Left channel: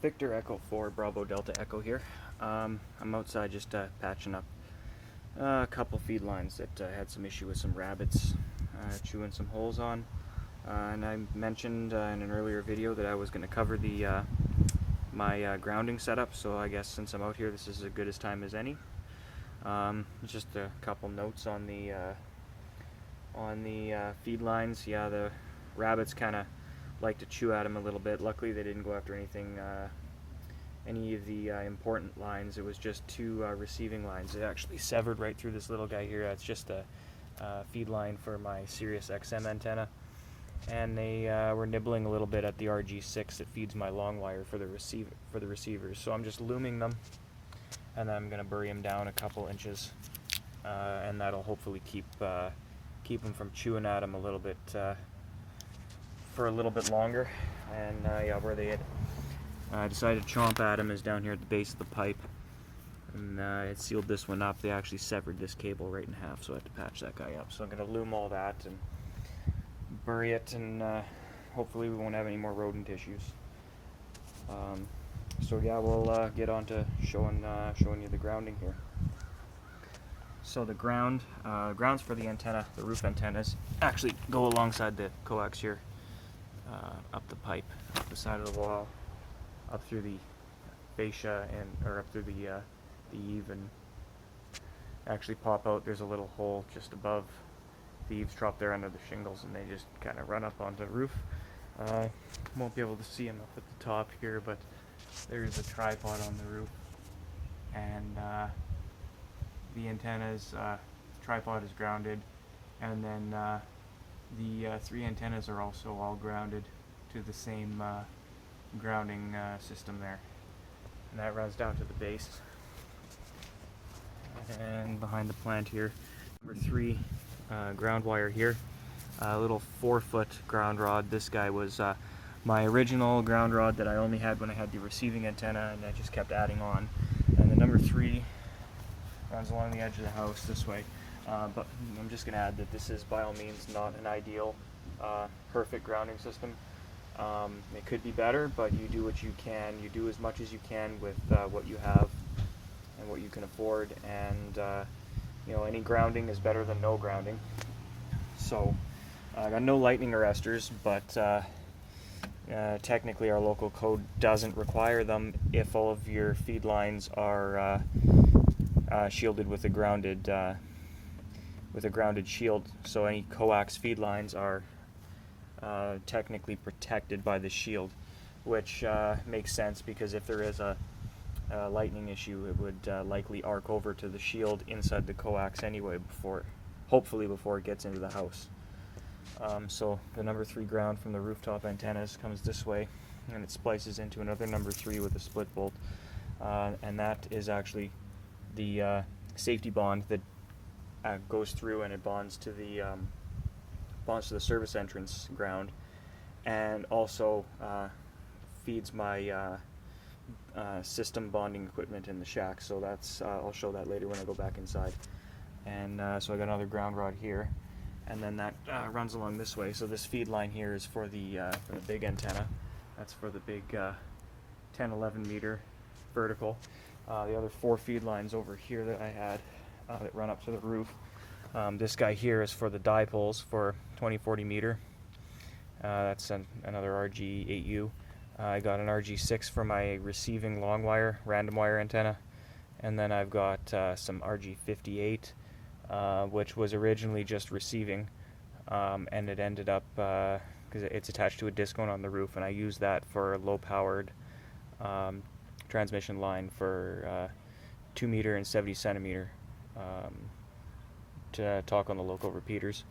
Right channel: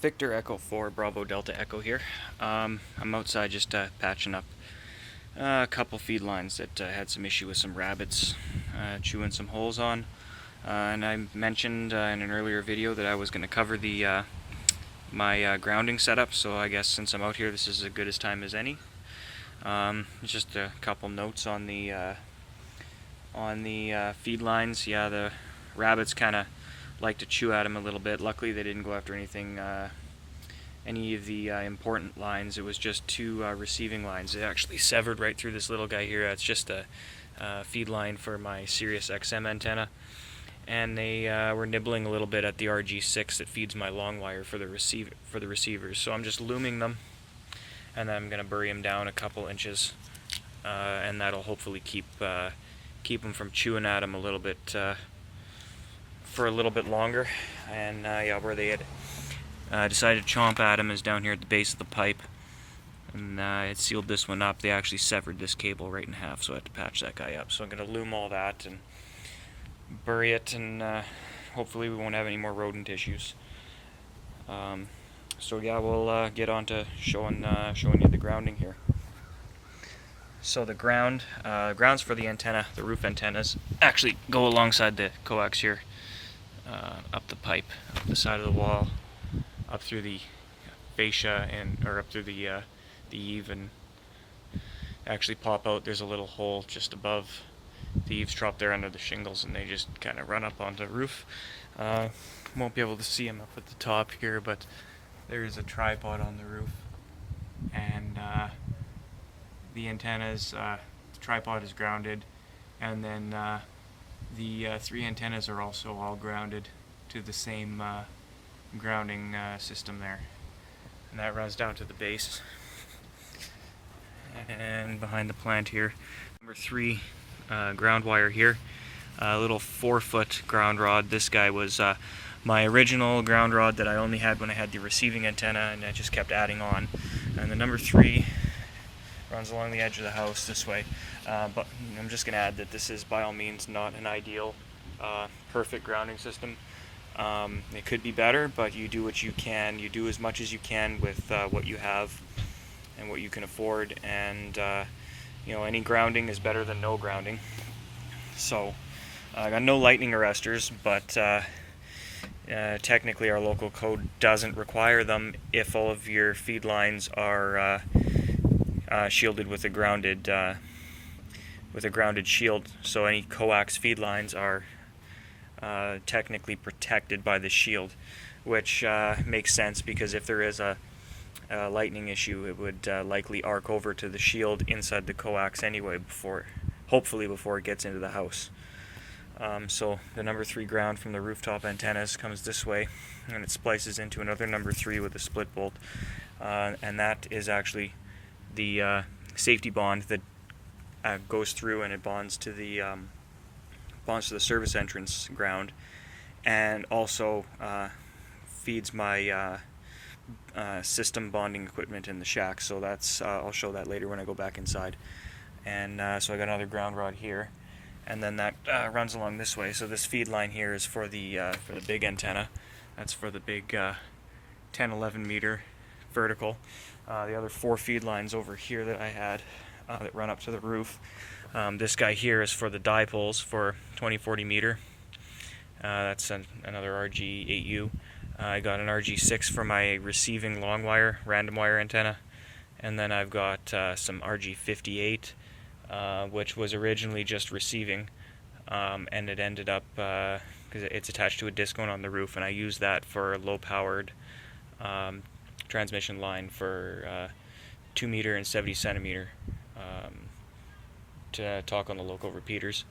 Victor Echo 4 Bravo Delta Echo here. I'm outside just patching up a couple feed lines that had some issue with some rabbits chewing some holes on. And I mentioned in an earlier video that I was going to cover the my grounding setup, so I guess since I'm out here this is as good a time as any. Just a couple notes on the feed lines. Yeah, the rabbits kind of like to chew at them a little bit. Luckily they didn't go after anything, any of the important lines. It was just two receiving lines. They actually severed right through this little guy here. It's just a feed line for my Sirius XM antenna, and they were nibbling a little bit at the RG6 that feeds my long wire for the receivers. So I'm just looming them, and then I'm going to bury them down a couple inches, and that'll hopefully keep them from chewing at them a little bit for a little bit longer. And yeah, where they had decided to chomp at them is down here at the base of the pipe, and it sealed this one up. They actually severed this cable right in half, so I had to patch that guy up. So I'm going to loom all that and bury it, and hopefully we won't have any more rodent issues. So yeah, we'll get on to showing you the grounding here. So the grounds for the antenna, the roof antennas, actually go alongside the coax here, up the pipe, up the side of the wall, up through the fascia, or up through the eave, and actually pop out. There's a little hole just above the eavesdrop there under the shingles, and they just kind of run up onto the roof. Won't be able to see them up at the top here, but there's a tripod on the roof, and the antennas, the tripod is grounded, and then the three antennas are also all grounded to the same grounding system there, and that runs down to the base. And behind the plant here, number 3 ground wire here, a little 4-foot ground rod. This guy was my original ground rod that I only had when I had the receiving antenna, and I just kept adding on. And the number 3 runs along the edge of the house this way, but I'm just going to add that this is by all means not an ideal perfect grounding system. It could be better, but you do what you can. You do as much as you can with what you have and what you can afford, and you know, any grounding is better than no grounding. So I got no lightning arresters, but technically our local code doesn't require them if all of your feed lines are shielded with a grounded shield. So any coax feed lines are technically protected by the shield, which makes sense, because if there is a lightning issue, it would likely arc over to the shield inside the coax anyway, hopefully before it gets into the house. So the number 3 ground from the rooftop antennas comes this way, and it splices into another number 3 with a split bolt, and that is actually the safety bond that goes through, and it bonds to the service entrance ground, and also feeds my system bonding equipment in the shack. So that's I'll show that later when I go back inside. And so I got another ground rod here, and then that runs along this way. So this feed line here is for the big antenna. That's for the big 10-11 meter vertical. The other 4 feed lines over here that I had that run up to the roof. This guy here is for the dipoles for 20-40 meter. That's another RG8U. I got an RG6 for my receiving long wire, random wire antenna, and then I've got some RG58, which was originally just receiving, and it ended up, because it's attached to a disc on the roof, and I used that for a low-powered transmission line for 2 meter and 70 centimeter to talk on the local repeaters.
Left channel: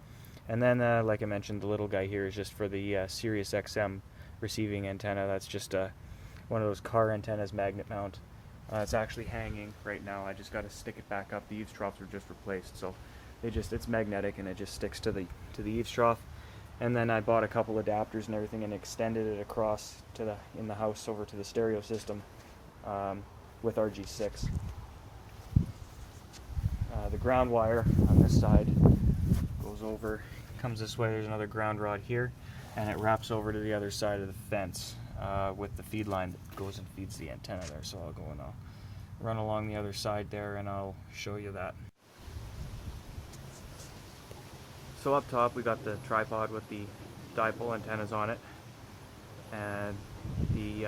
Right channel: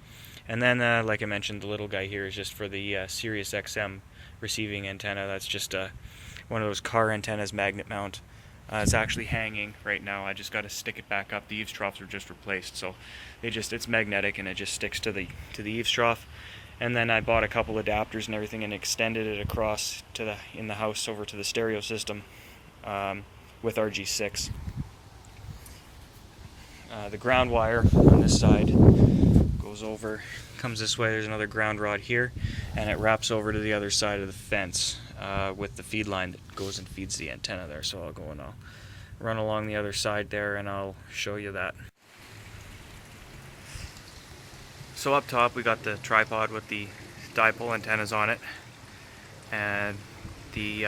And then, like I mentioned, the little guy here is just for the Sirius XM receiving antenna. That's just one of those car antennas, magnet mount. It's actually hanging right now. I just got to stick it back up. The eaves troughs were just replaced, so it's magnetic, and it just sticks to the eaves trough. And then I bought a couple adapters and everything, and extended it across to in the house over to the stereo system with RG6. The ground wire on this side goes over, comes this way. There's another ground rod here, and it wraps over to the other side of the fence. with the feed line that goes and feeds the antenna there. So I'll go and I'll run along the other side there and I'll show you that. So up top we got the tripod with the dipole antennas on it, and the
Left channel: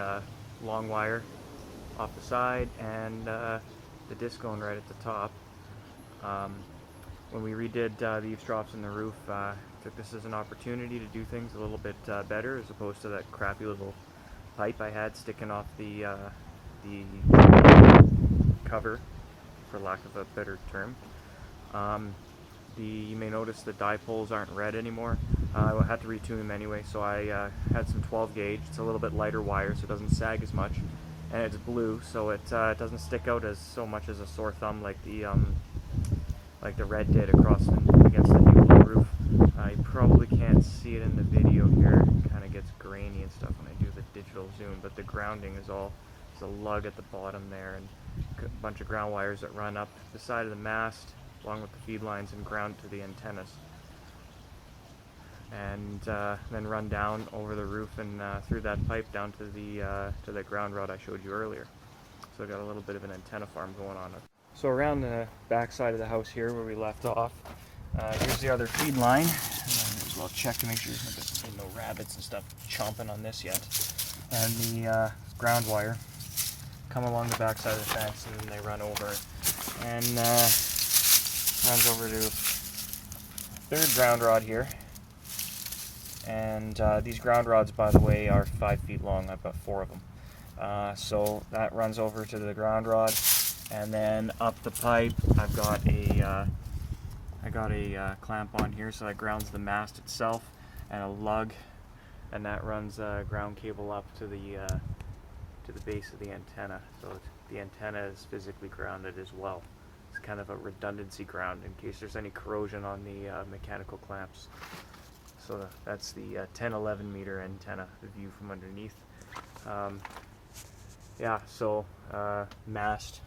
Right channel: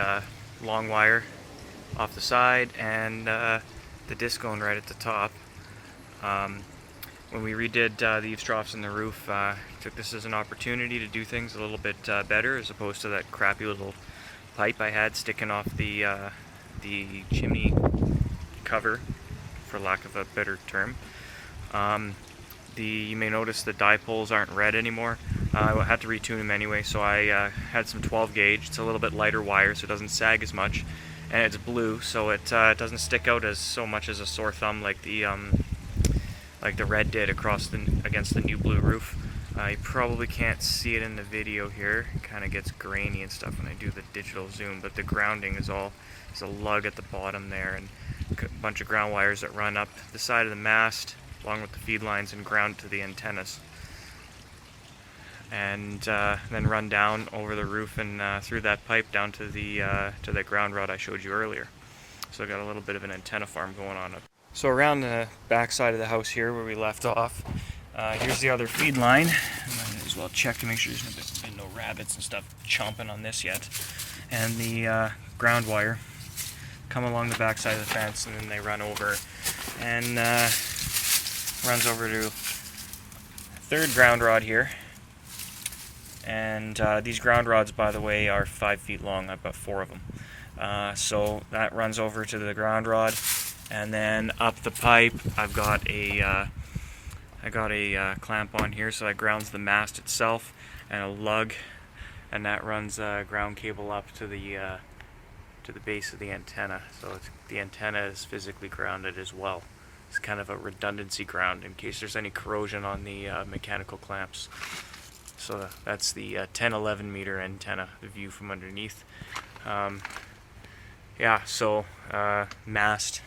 long wire off the side, and the disc going right at the top. When we redid the eaves troughs in the roof, took this as an opportunity to do things a little bit better, as opposed to that crappy little pipe I had sticking off the chimney cover, for lack of a better term. You may notice the dipoles aren't red anymore. I had to retune them anyway, so I had some 12 gauge. It's a little bit lighter wire, so it doesn't sag as much, and it's blue, so it doesn't stick out as so much as a sore thumb like the red did against the new blue roof. You probably can't see it in the video here. It kind of gets grainy and stuff when I do the digital zoom, but the grounding is a lug at the bottom there, and a bunch of ground wires that run up the side of the mast along with the feed lines and ground to the antennas, and then run down over the roof and through that pipe down to the ground rod I showed you earlier. So I got a little bit of an antenna farm going on up. So around the back side of the house here where we left off, here's the other feed line. I might as well check to make sure there's been no rabbits and stuff chomping on this yet. And the ground wire come along the back side of the fence, and then they run over and runs over to third ground rod here. And these ground rods, by the way, are 5 feet long. I've got 4 of them. So that runs over to the ground rod, and then up the pipe I've got a clamp on here, so that grounds the mast itself, and a lug, and that runs ground cable up to the base of the antenna. So the antenna is physically grounded as well. It's kind of a redundancy ground in case there's any corrosion on the mechanical clamps. So that's the 10-11 meter antenna, the view from underneath. Mast.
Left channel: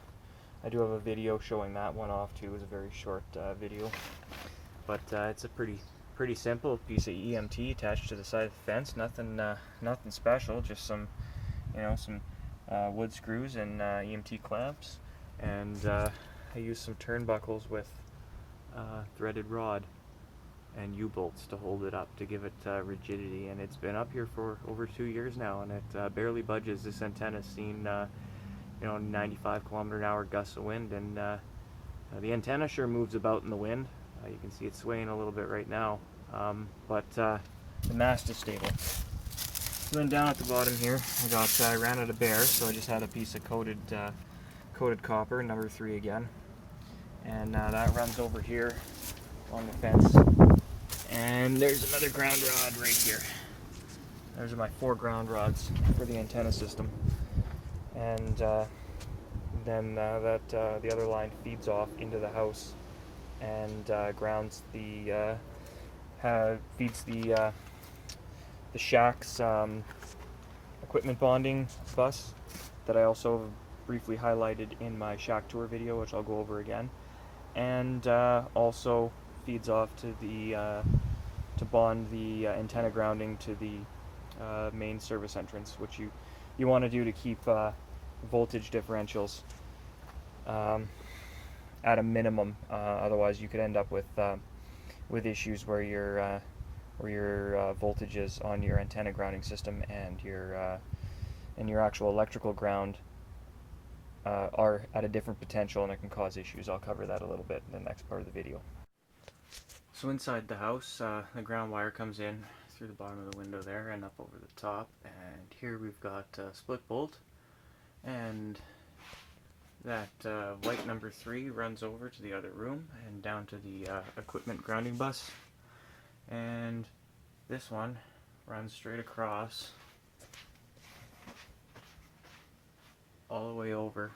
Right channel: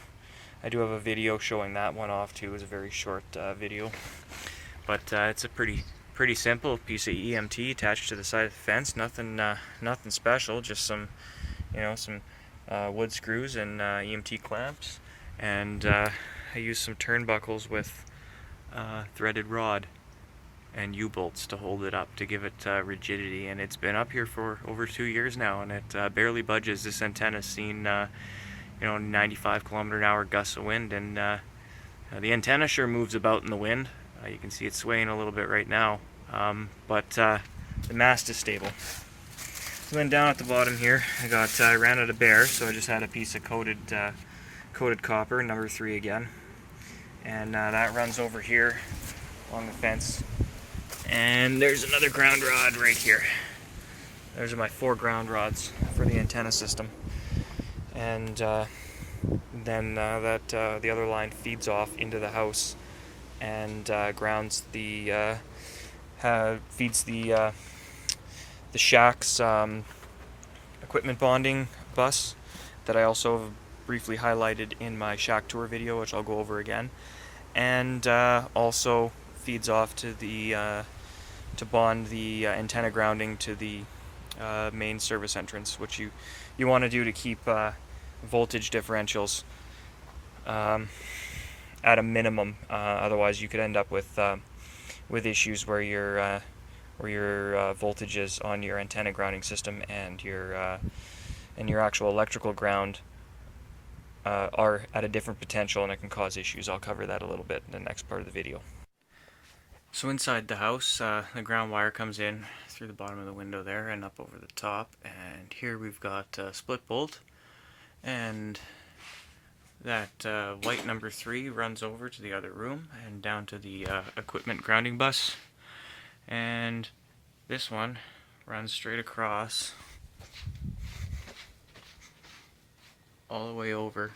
I do have a video showing that one off too. It's a very short video, but it's a pretty simple piece of EMT attached to the side of the fence. Nothing special. Just some wood screws and EMT clamps, and I used some turnbuckles with threaded rod and U-bolts to hold it up to give it rigidity, and it's been up here for over 2 years now, and it barely budges. This antenna's seen 95 kilometer-an-hour gusts of wind, and the antenna sure moves about in the wind. You can see it swaying a little bit right now, but the mast is stable. So then down at the bottom here, I ran out of bare, so I just had a piece of coated copper, number 3 again, and that runs over here along the fence. And there's another ground rod right here. Those are my 4 ground rods for the antenna system, and then the other line feeds off into the house and grounds feeds the shack's equipment bonding bus that I also briefly highlighted in my shack tour video, which I'll go over again, and also feeds off to to bond the antenna grounding to the main service entrance, which you want to do to keep voltage differentials at a minimum. Otherwise, you could end up with issues where your voltages on your antenna grounding system and your actual electrical ground are at a different potential, and it can cause issues. I'll cover that a little bit in the next part of the video. So inside the house, the ground wire comes in through the bottom of the window there and up over the top, and here we've got a split bolt, and that white number 3 runs over to the other room and down to the equipment grounding bus, and this one runs straight across all the way over,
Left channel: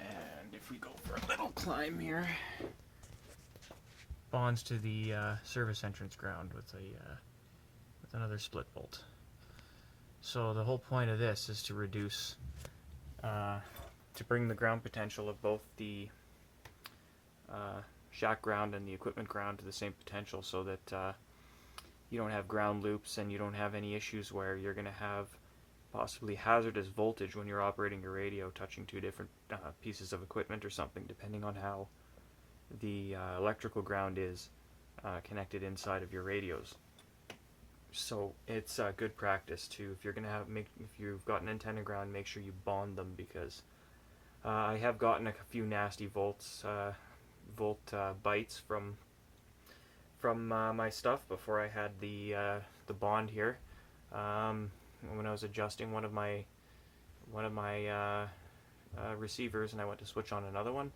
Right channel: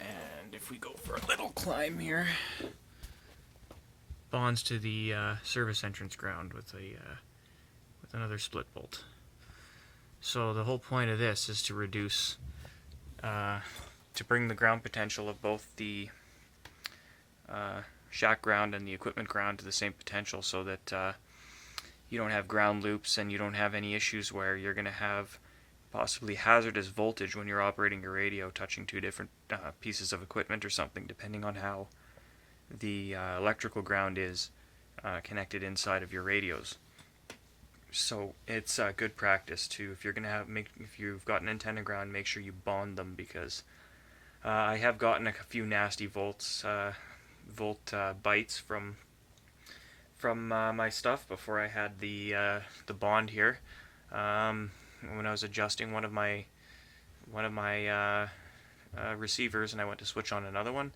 and if we go for a little climb here, bonds to the service entrance ground with another split bolt. So the whole point of this is to reduce, to bring the ground potential of both the shack ground and the equipment ground to the same potential, so that you don't have ground loops, and you don't have any issues where you're going to have possibly hazardous voltage when you're operating your radio, touching two different pieces of equipment or something, depending on how the electrical ground is connected inside of your radios. So it's good practice to, if you're gonna if you've got an antenna ground, make sure you bond them, because I have gotten a few nasty volt bites from my stuff before I had the bond here. When I was adjusting one of my receivers, and I went to switch on another one,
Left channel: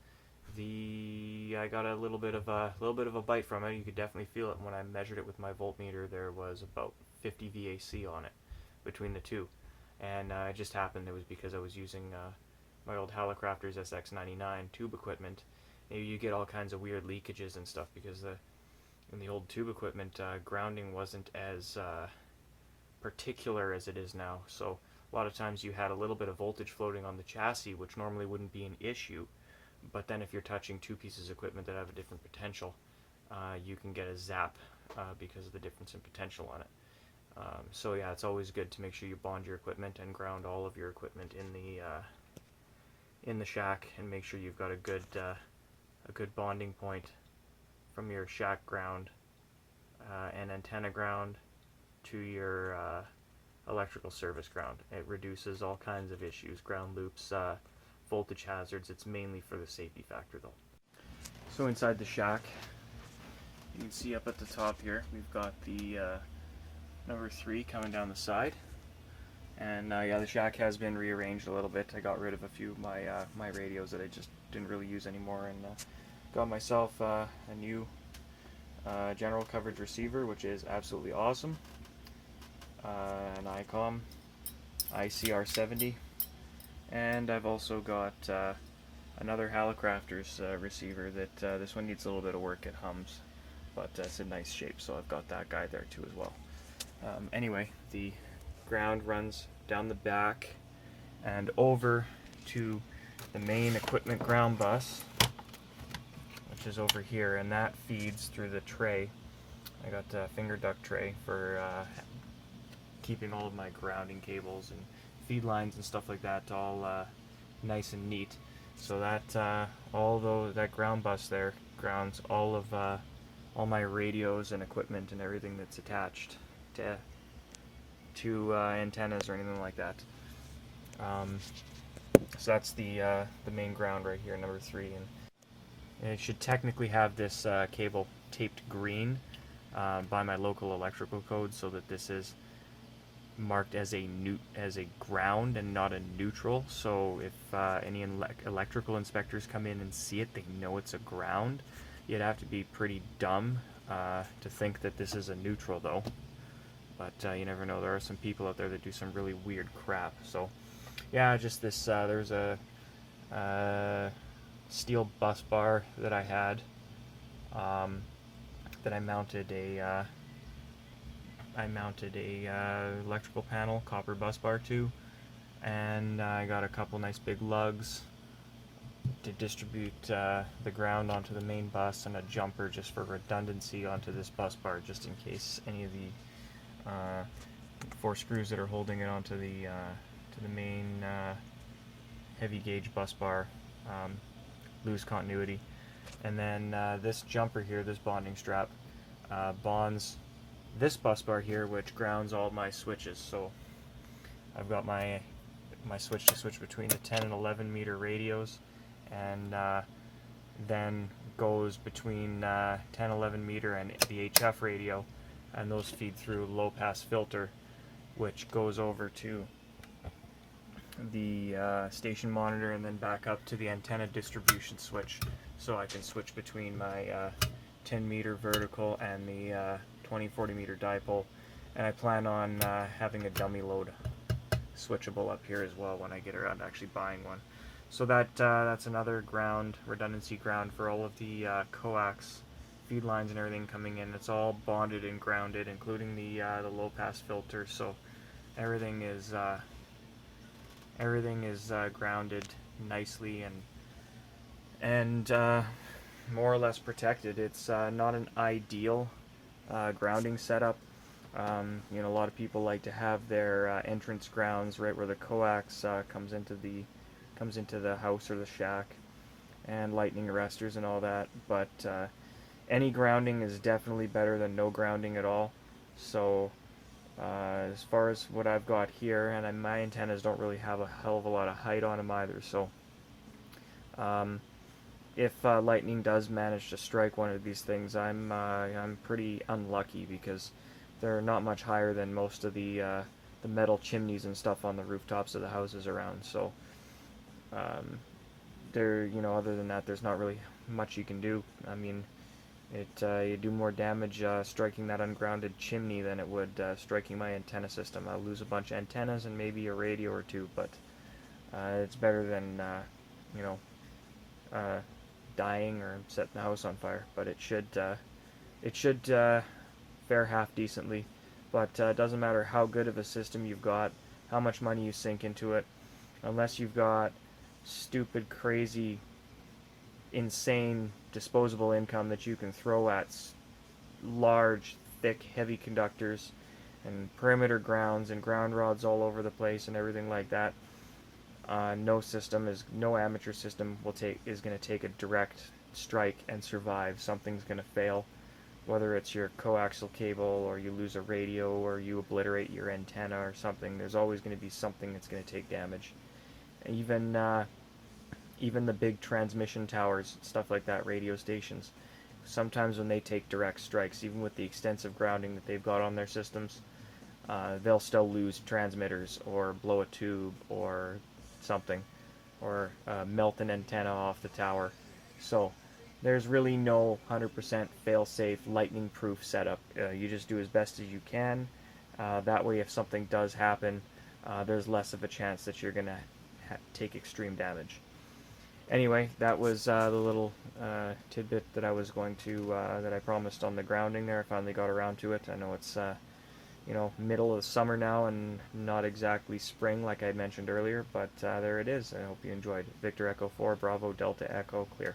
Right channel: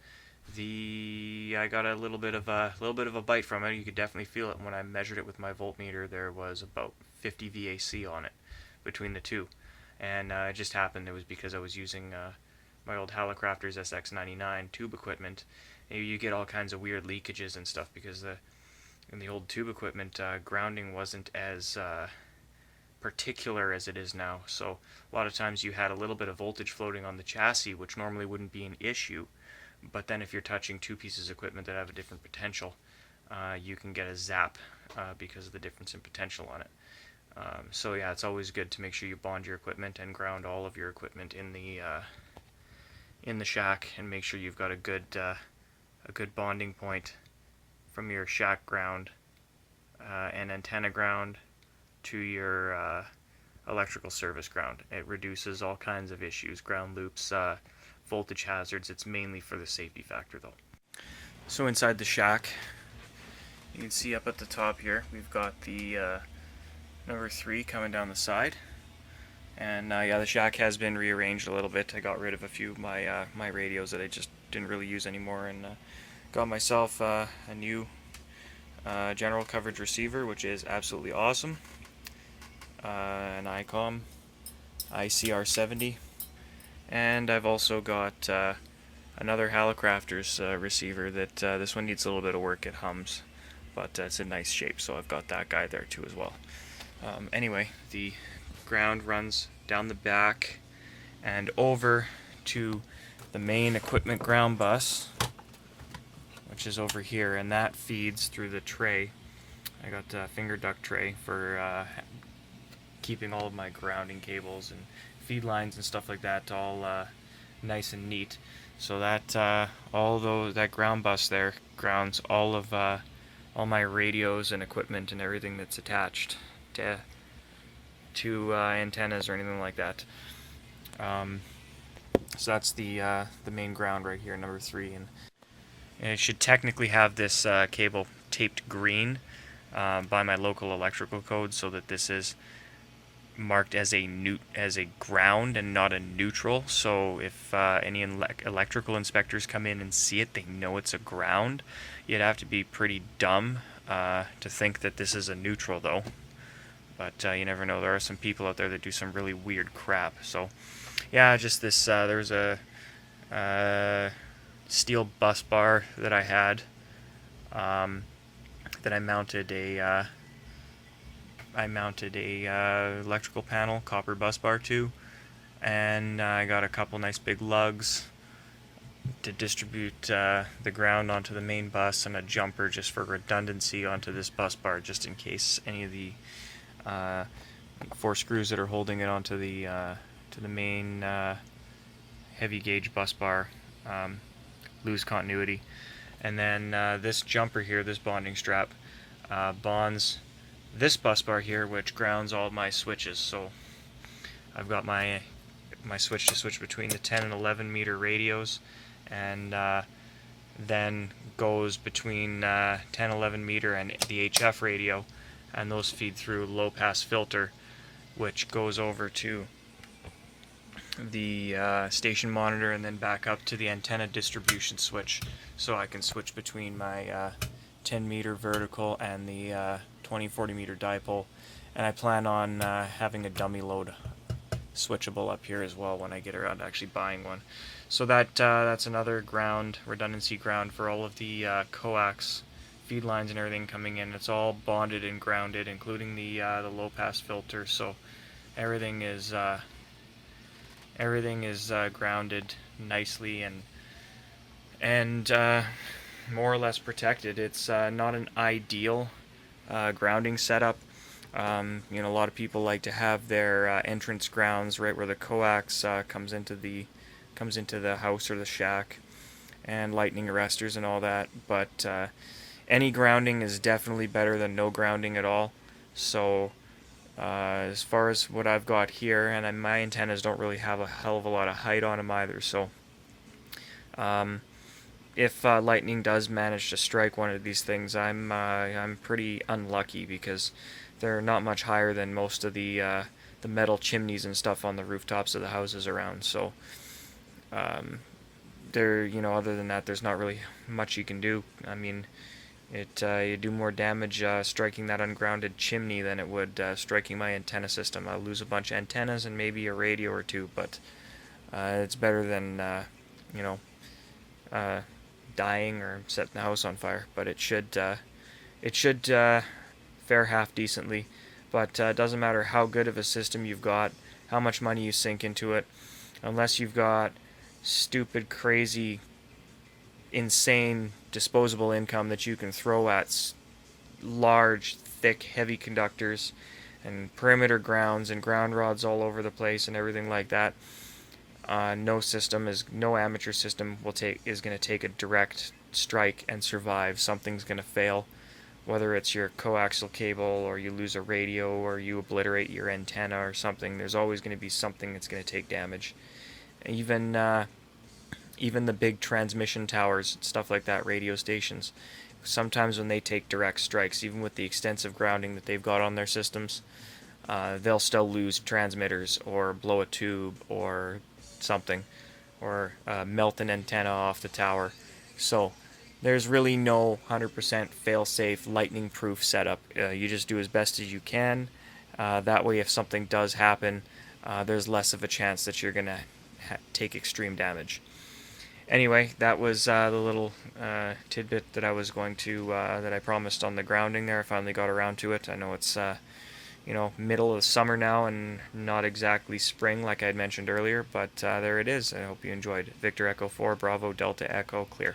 I got a little bit of a bite from it. You could definitely feel it. When I measured it with my voltmeter, there was about 50 VAC on it between the two, and it just happened it was because I was using my old Hallicrafters SX99 tube equipment. You get all kinds of weird leakages and stuff because in the old tube equipment, grounding wasn't as particular as it is now. So a lot of times you had a little bit of voltage floating on the chassis, which normally wouldn't be an issue. But then if you're touching two pieces of equipment that have a different potential, you can get a zap because of the difference in potential on it. So yeah, it's always good to make sure you bond your equipment and ground all of your equipment in the shack, and make sure you've got a good bonding point from your shack ground and antenna ground to your electrical service ground. It reduces all kinds of issues, ground loops, voltage hazards. It's mainly for the safety factor though. So inside the shack, you can see up at the top here, we've got the number 3 coming down the side. And yeah, the shack has been rearranged a little bit. I got rid of a few of my radios that I just didn't really use anymore, and got myself a new general coverage receiver, which is absolutely awesome. An ICOM ICR70, and I've also got another Hallicrafters receiver that this one needs a little bit of work. It hums, but it's in nice shape, so I've got that guy there too as well. Anyway, the ground runs down the back and over to the main equipment ground bus, which is over here, and that feeds through the tray. I got a finger duct tray for keeping all of my grounding cables and feed lines and stuff like that all nice and neat. So that that ground bus there grounds all of all my radios and equipment and everything that's attached to antennas or anything like that. So that's the main ground right here, number 3, and it should technically have this cable taped green by my local electrical code, so that this is marked as a ground and not a neutral. So if any electrical inspectors come in and see it, they know it's a ground. You'd have to be pretty dumb to think that this is a neutral though. But you never know. There are some people out there that do some really weird crap. So yeah, just this there was a steel bus bar that I had that I mounted a electrical panel, copper bus bar to, and I got a couple nice big lugs to distribute the ground onto the main bus, and a jumper just for redundancy onto this bus bar, just in case any of the 4 screws that are holding it onto the to the main heavy gauge bus bar lose continuity. And then this jumper here, this bonding strap, bonds this bus bar here, which grounds all my switches. So I've got my switch to switch between the 10 and 11 meter radios, and then goes between 10, 11 meter and the HF radio, and those feed through low pass filter, which goes over to the station monitor and then back up to the antenna distribution switch, so I can switch between my 10 meter vertical and the 20-40 meter dipole. And I plan on having a dummy load switchable up here as well when I get around to actually buying one. So that's another ground, redundancy ground for all of the coax feed lines and everything coming in. It's all bonded and grounded, including the low pass filter. So everything is grounded nicely and more or less protected. It's not an ideal grounding setup. A lot of people like to have their entrance grounds right where the coax comes into the house or the shack, and lightning arresters and all that. But any grounding is definitely better than no grounding at all. So as far as what I've got here, and my antennas don't really have a hell of a lot of height on them either. So um, if lightning does manage to strike one of these things, I'm pretty unlucky because they're not much higher than most of the metal chimneys and stuff on the rooftops of the houses around. So um, other than that, there's not really much you can do. I mean, you do more damage striking that ungrounded chimney than it would striking my antenna system. I'll lose a bunch of antennas and maybe a radio or two, but it's better than you know uh, dying or setting the house on fire. But it should fare half decently. But it doesn't matter how good of a system you've got, how much money you sink into it, unless you've got stupid, crazy, insane disposable income that you can throw at large, thick, heavy conductors and perimeter grounds and ground rods all over the place and everything like that. No amateur system is going to take a direct strike and survive. Something's going to fail, whether it's your coaxial cable or you lose a radio or you obliterate your antenna or something. There's always going to be something that's going to take damage. Even even the big transmission towers, stuff like that, radio stations, sometimes when they take direct strikes, even with the extensive grounding that they've got on their systems, they'll still lose transmitters or blow a tube or something, or melt an antenna off the tower. So there's really no 100% fail-safe, lightning-proof setup. You just do as best as you can. That way, if something does happen, there's less of a chance that you're going to take extreme damage. Anyway, that was the little tidbit that I was going to that I promised on the grounding there. I finally got around to it. I know it's middle of the summer now and not exactly spring like I had mentioned earlier, but there it is. I hope you enjoyed. Victor Echo 4 Bravo Delta Echo clear.